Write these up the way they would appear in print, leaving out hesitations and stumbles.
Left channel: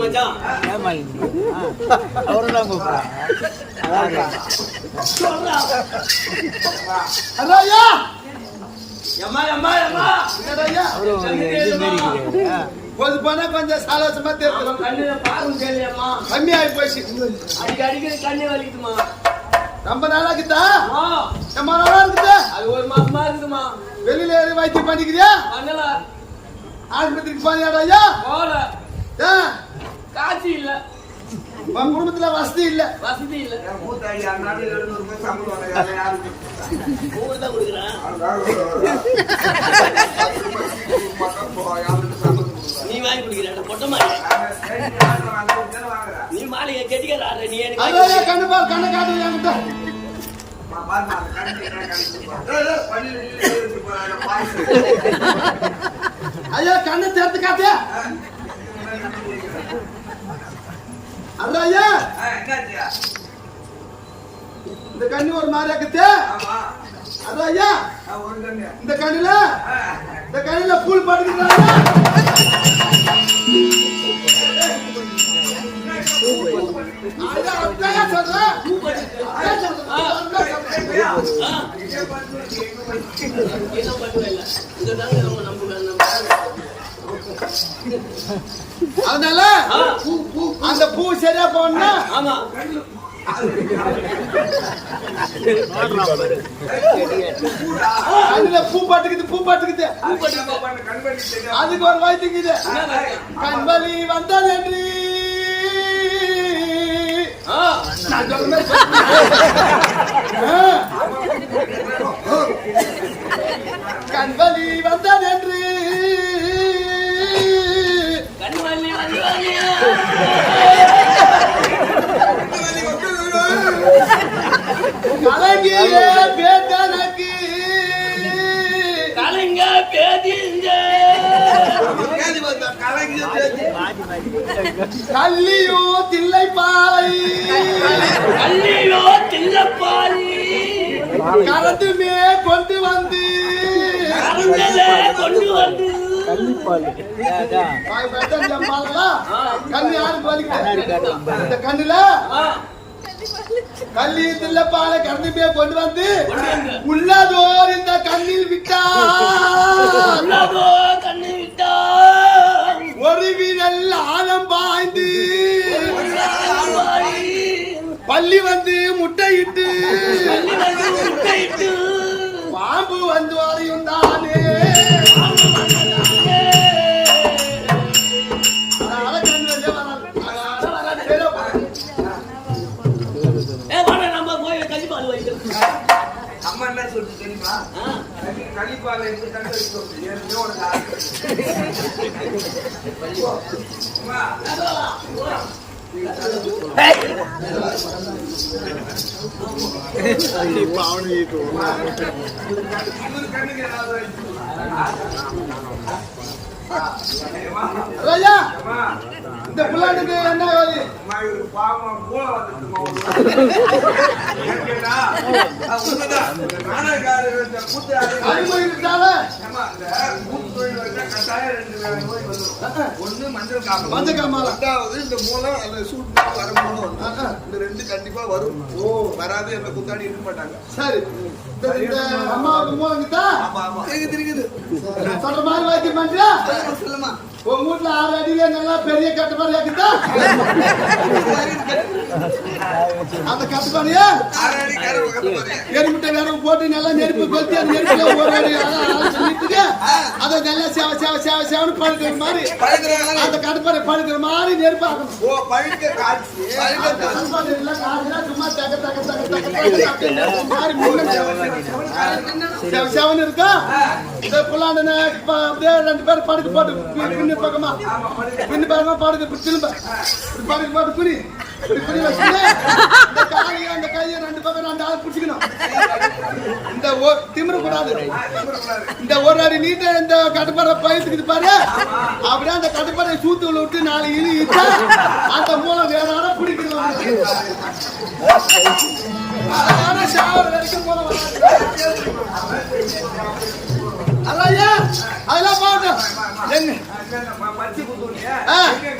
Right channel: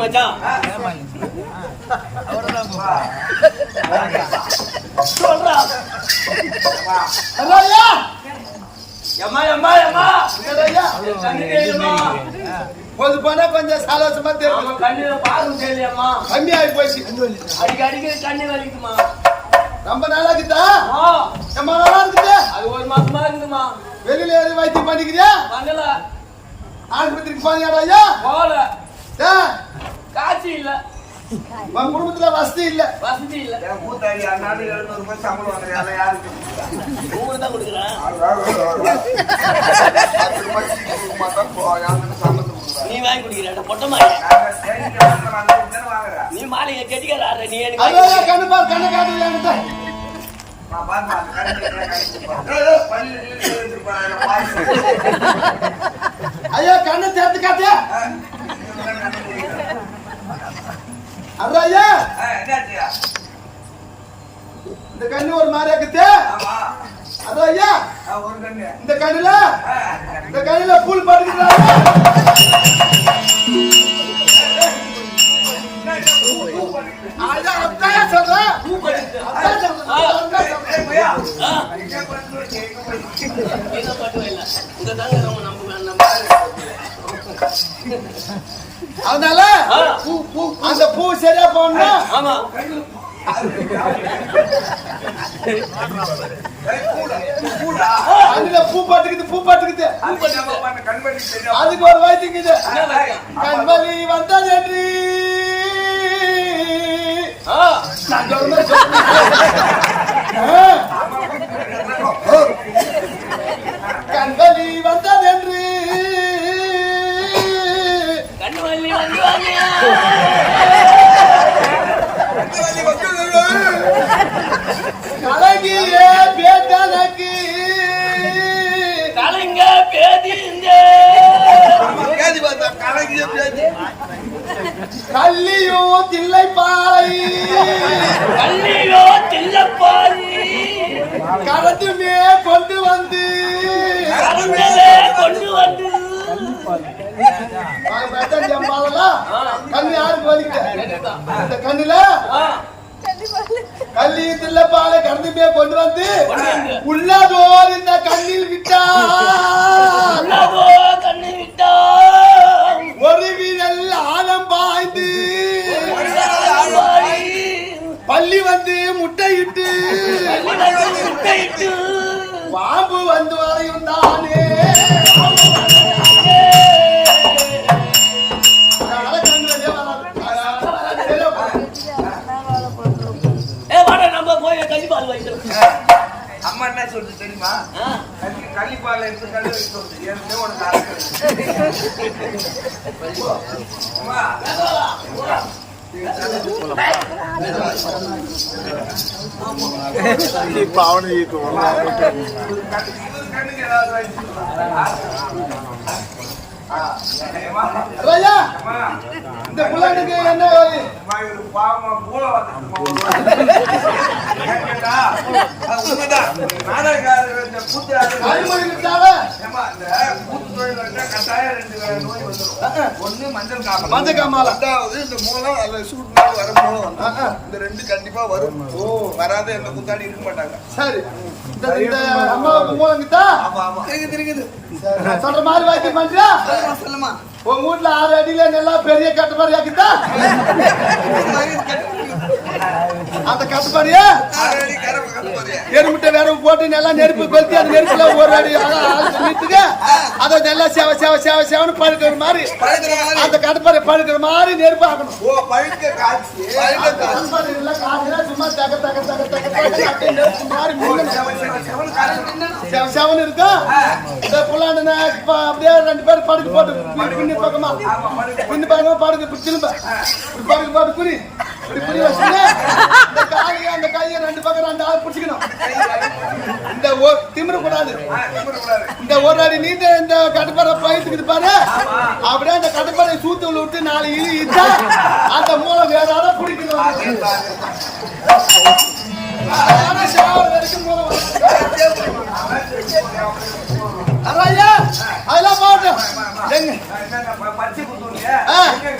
மச்சான் சொல்றா பொது போனா கொஞ்சம் சந்தோஷமா தெரியும். கண்ணு பாருங்க தெரியலையம்மா, கம்மியாகி போயிடுச்சு. அடிக்கடி கண்ணு வலிக்குதுமா. ரொம்ப நாளா இருக்குதா? ரொம்ப நாளா இருக்குது. அது ஒரு மாசமா இருக்குதுமா. வெளியில ஏறி வைத்தியம் பண்ணிக்கிறியா? பண்ணல. ஆஸ்பத்திரிக்கு போனியாடா? ஐயா போல. காட்சி இல்ல, உன் குடும்பத்துல வசதி இல்ல. வசதி இல்ல. மூத்தாடி 700 ரூபாய் சம்பளம் வாங்குறாங்க. யாருக்கு ஊரு தான் கொடுக்குறேன். நீ வாங்கி குடிக்கிற பொட்ட மாதிரி. நீ மாளிகை கெட்டிக்கார. நீ எனக்கு கண்ணு பாரு, கண்ணு காது. ஐயா கண்ணு சேர்த்து காட்டியா? ஐயா இந்த கண்ணு ஒரு மாதிரி இருக்குது. ஐயா இந்த கண்ணுல பூல் படுக்கிறாங்க. அதனால அந்த பூ சரியா போனா. ஆமா கண்ணுல பூ பாட்டுக்குது. அதுக்கு ஒரு வாய்த்துக்குது. கண்வலி வந்தது என்று கண்வலி வந்தது என்று கண்வலி வந்து கலங்கிய பேட்டனக்கு கலங்க பேதிந்த கல்லியோ தில்லைப்பாலை கரண்டுமே கொண்டு வந்து கண்ணு யாருக்கு வலிக்குது? இந்த கண்ணுல கல்லி தில்லப்பால கரண்டுமே கொண்டு வந்து உள்ளதோர் இந்த கண்ணில் விட்டா ஒரு வீரல் ஆழம் பாய்ந்து பள்ளி வந்து முட்டையிட்டு பாம்பு வந்து வரையும் தானே. அம்மா என்ன சொல்லுது தெரியுமா? கள்ளிப்பால இருந்து கல்லு வைக்க சொல்லுது. ஏற்கனவே உனக்கு கண்ணுக்கு ஏதாவது இந்த புள்ளானுக்கு என்ன பாவமா மூல வந்துட்டுமா? ஒண்ணு மஞ்சள் காமால, ரெண்டாவது இந்த மூலம் அந்த சூட்னால வர மூலம் வந்து இந்த ரெண்டு கண்டிப்பா வரும். வராத எந்த குத்தாடி இருக்க மாட்டாங்க. சரி, இந்த அம்மாவுக்கு மூலம் தான். ஆமா ஆமா இருக்குது. சொல்ற மாதிரி வாய்க்கு பண்றியா? சொல்லுமா, உங்க வீட்டுல 6 அடியில நல்லா பெரிய கட்டுப்பாடு இருக்குதா? அந்த கட்டுப்பாடியா எருமுட்டை வேற போட்டு நல்லா நெருப்பு கொளுத்தி அந்த நெருப்புல ஒரு அடி சொல்லிட்டு அதை நல்லா சேவன்னு பழுக்கிற மாதிரி அந்த கட்டுப்பாடு பழுக்கிற மாதிரி நெருப்பு ஆகணும். சும்மா தக தக தக தக அப்படியே நெருப்பு மாதிரி செவன் இருக்கா. இந்த புள்ளாண்ட அப்படியே 2 பேர் படுக்க போட்டு பின்னு பக்கமா படுக்க திரும்ப படுக்க போட்டு குனி இப்படி குனி வச்சுன்னு இந்த காலையை அந்த கையை 2 பக்கம் 2 ஆள் பிடிச்சிக்கணும். இந்த திமிர கூடாது. இந்த ஒரு அடி நீட்ட இந்த கட்டுப்பாறை பயிர்த்துக்குது பாரு, அப்படியே அந்த கட்டுப்பாறை சூத்து விட்டு 4 இழு இட்டா அந்த மூலம் வேற ஆள பிடிக்கணும். அதெல்லாம் என்ன பச்சை குத்துறியா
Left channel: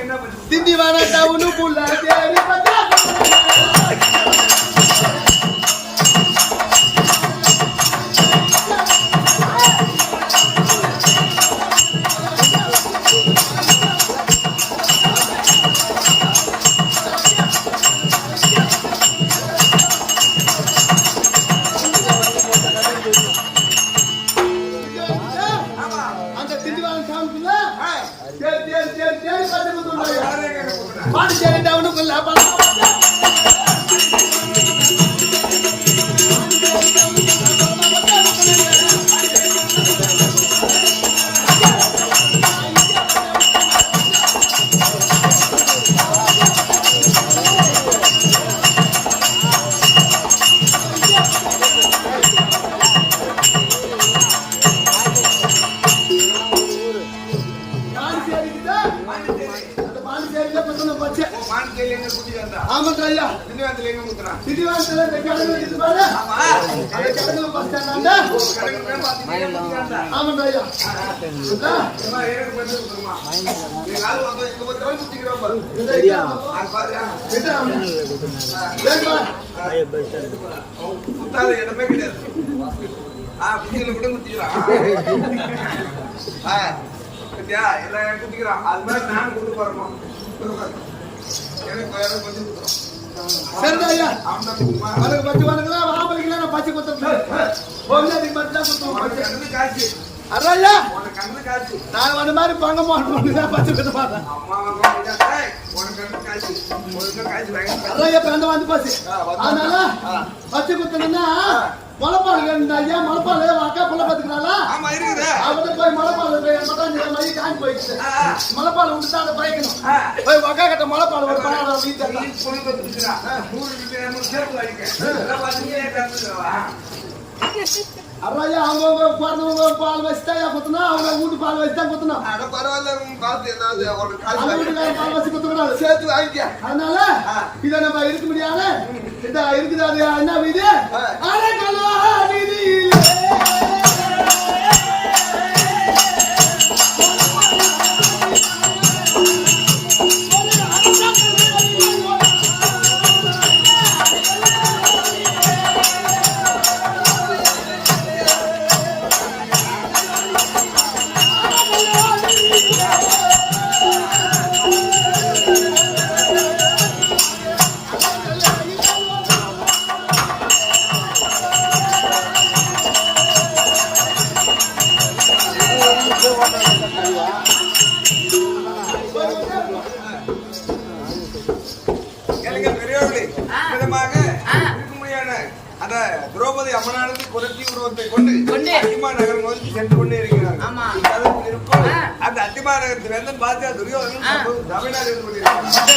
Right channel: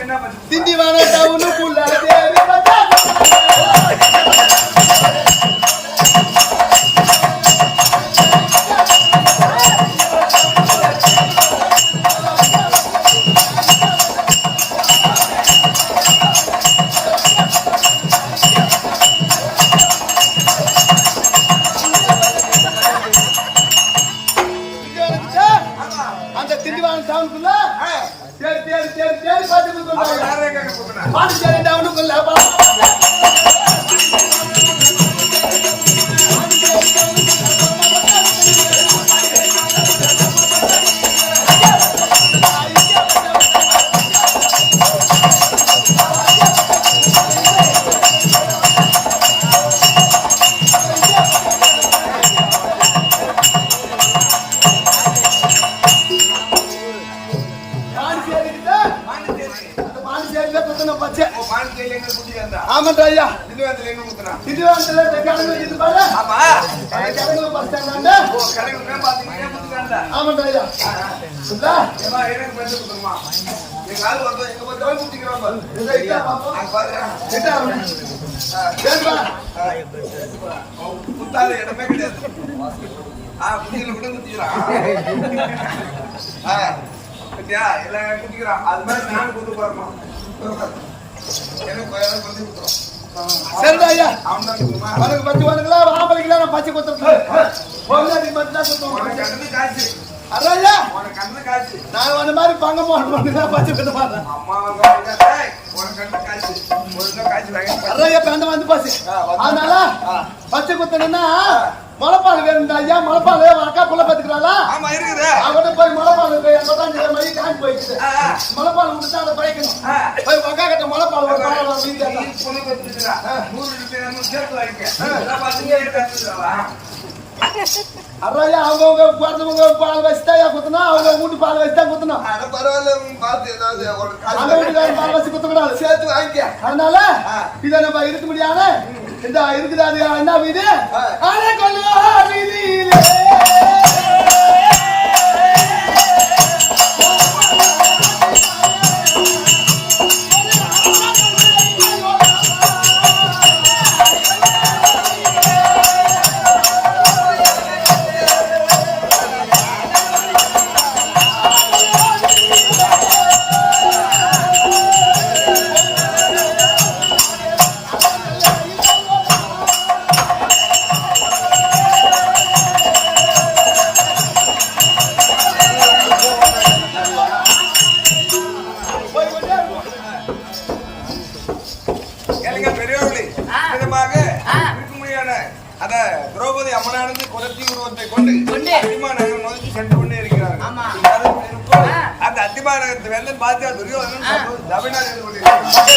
என்ன பச்சை திண்டிவன டவுனுக்குள்ள தேடி பார்த்தா அந்த திண்டிவன டவுனுக்குள்ள தேடி தேடி தேடி தேடி பார்த்து குத்துறாங்க பாண்டிச்சேரி டவுனுக்குள்ள ஆமாண்டா ஐயா திண்டிவனத்துல எங்க குத்துறா திண்டிவனத்துல கடங்கு வச்சிட்டு பாரு ஆமா அந்த கடங்குல பஸ் ஸ்டாண்ட் ஓ கடங்குல பாத்தீங்கன்னா குத்திக்காண்டா ஆமாண்டா ஐயா சுத்தா ஏமா எனக்கு பஸ் குத்துறமா நீங்க ஆளு வந்து எங்க போய் குத்திக்கறோம் பாரு அங்க பாரு கேட்டா கேட்டா குத்தாத இடமே கிடையாது குத்தில கூட குத்திக்கறா கட்டியா எல்லாம் குத்திக்கறா அது மாதிரி நான் குத்து போறோம் எனக்கு பத்தி குத்துறோம் சரிடா ஐயா அவன் தான் குத்துமா உனக்கு பத்தி உனக்குல ஆம்பளைக்குல நான் பச்சை குத்துறேன் பொண்ணாடி மட்டும் தான் குத்துறேன் உனக்கு கண்ணு காய்ச்சி அரையா உனக்கு கண்ணு காய்ச்சி நான் அந்த மாதிரி பங்க போடணும் தான் பச்சை குத்த மாட்டேன் அம்மா உனக்கு கண்ணு காய்ச்சி ஒழுங்கா காய்ச்சி வாங்கி அரையா பேந்த வந்து பாசி அதனால பச்சை குத்தணும்னா மலைப்பால் வேணும்டா ஐயா மலைப்பால் அக்கா புள்ள பாத்துக்கிறாளா ஆமா இருக்குது அவட்ட போய் மலைப்பால் போய் 85 மணி காஞ்சி போயிடுச்சு மலைப்பால் விட்டு அதை பயிக்கணும் போய் அக்கா கிட்ட மலைப்பால் ஒரு பால் வீட்டு நீ புளி பத்துறா 100 ரூபாய் சேர்த்து வாங்கிக்க எல்லாம் பாத்தீங்க கத்துறவா அரையா அவங்க பிறந்தவங்க பால் வச்சுதான் குத்தணும் அவங்க வீட்டு பால் வச்சுதான் குத்தணும் அட பரவாயில்ல பார்த்து ஏதாவது ஒரு அந்த வீட்டுக்காரன் பால் வச்சு குத்தக்கூடாது சேர்த்து வாங்கிக்க அதனால இத நம்ம இருக்க முடியாது இந்த இருக்குது அது என்ன வீடு அரை கொல்வா வீதியிலே அத திரௌபதி அம்மனானது குரத்தி உருவத்தை கொண்டு அத்திமா நகரம் நோக்கி சென்று கொண்டே இருக்கிறார்கள் அந்த அத்திமா நகரத்து வேந்தன் பாத்தியா துரியோதனன் சபையினால் இருந்து கொண்டிருக்கிறார்